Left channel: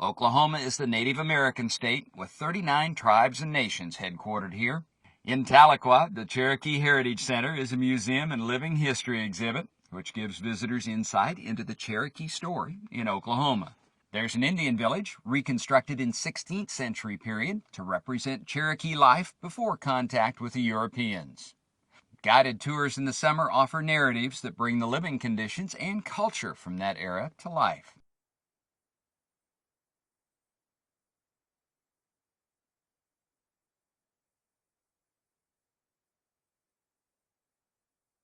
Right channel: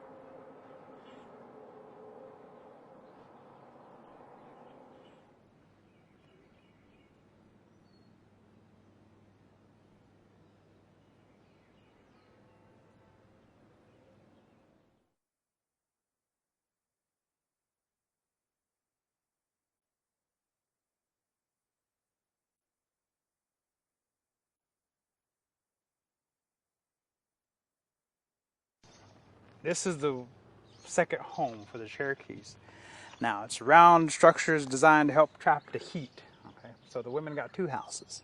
Oklahoma is the Native American state with 39 tribes and nations headquartered here. In Tahlequah, the Cherokee-Heritage-Center is a museum and living history exhibit which gives visitors insight into the Cherokee story in Oklahoma. There's an Indian village reconstructed in 16th century period to represent Cherokee life before contact with the Europeans. Guided tours in the summer offer narratives that bring the living conditions and culture from that era to life. This is the second home for the Cherokees. Now, it's round structures designed to help trap the heat. Okay, so the women got two houses.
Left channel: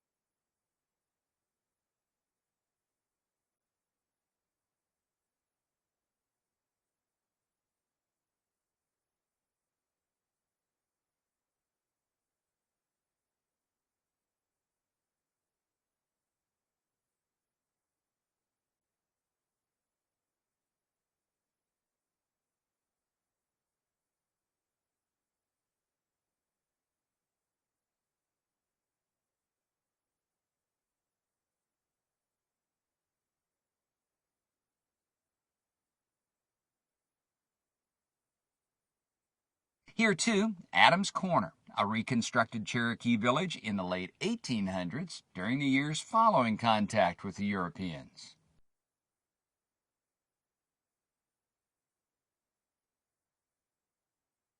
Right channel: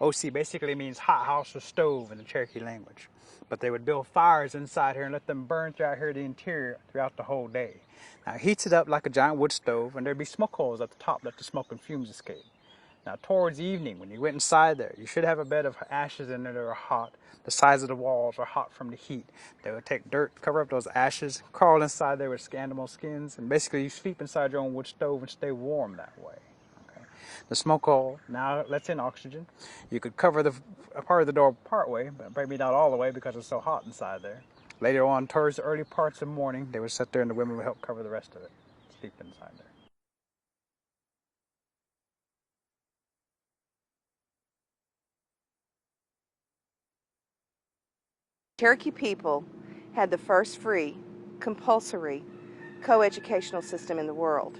OC basically means hot house or stove in the Cherokee language. But they would build fires inside here and let them burn throughout here the interior throughout the whole day. Now, it heats it up like a giant wood stove, and there'd be smoke holes at the top that the smoke and fumes escape. Now, towards evening, when you went inside there, you should have a bed of ashes in there that are hot. The sides of the walls are hot from the heat. They would take dirt, cover up those ashes, crawl inside there with animal skins, and basically you sleep inside your own wood stove and stay warm that way. Okay. The smoke hole now lets in oxygen. You could cover a part of the door part way, but maybe not all the way because it's so hot inside there. Later on, towards the early parts of the morning, they would sit there and the women would help cover the rest of it, sleep inside there. Here too, Adams Corner, a reconstructed Cherokee village in the late 1800s during the years following contact with the Europeans. Cherokee people had the first free, compulsory, co-educational system in the world.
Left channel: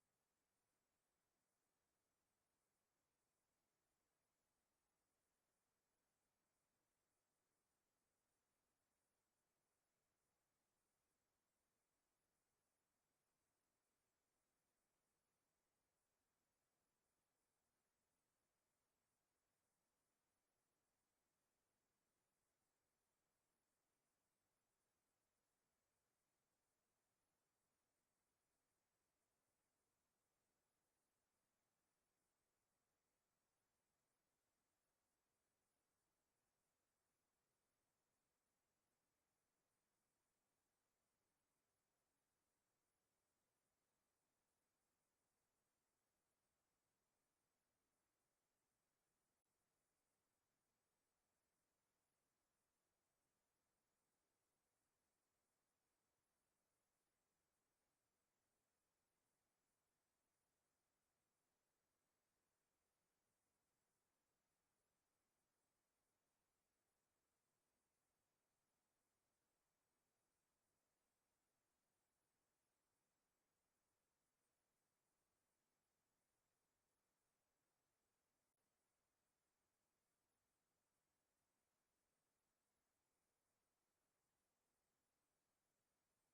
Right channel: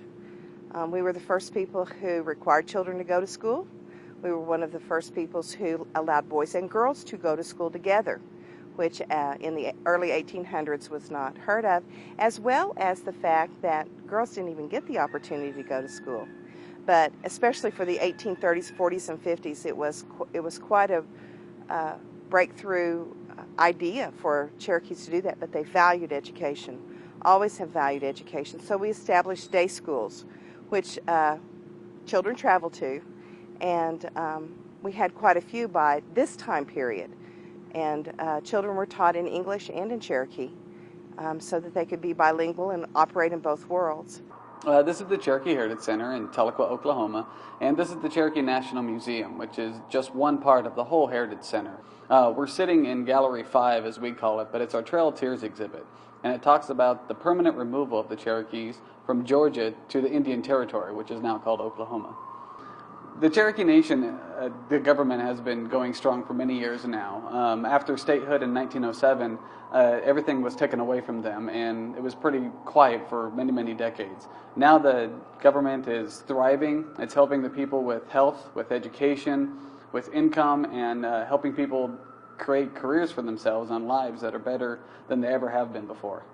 We were the first people who required children to go to school. We were one of the first peoples who allowed boys and girls to go to school together, which in the early 1800s was not heard of, as well as the fact that girls didn't even get the opportunity to go to school. But especially for the 1830s, 40s, and 50s, it was quite a breakthrough idea for Cherokees to do that, but they valued education, always have valued education. So we established day schools, which children traveled to, and we had quite a few by this time period. And children were taught in English and in Cherokee so that they could be bilingual and operate in both worlds. This is the Cherokee-Heritage-Center in Tahlequah, Oklahoma, and this is the Cherokee National Museum, which is just one part of the whole Heritage Center. We're sitting in Gallery 5, as we call it, but it's our Trail of Tears exhibit, and it talks about the permanent removal of the Cherokees from Georgia to the Indian Territory, which is now called Oklahoma. The Cherokee-Nation, the government has been going strong for many years now. After statehood in 1907, everything was taken away from them, and it was pretty quiet for many, many decades. Now the government is thriving. It's helping the people with health, with education, with income, and helping people create careers for themselves and lives that are better than they ever have been before.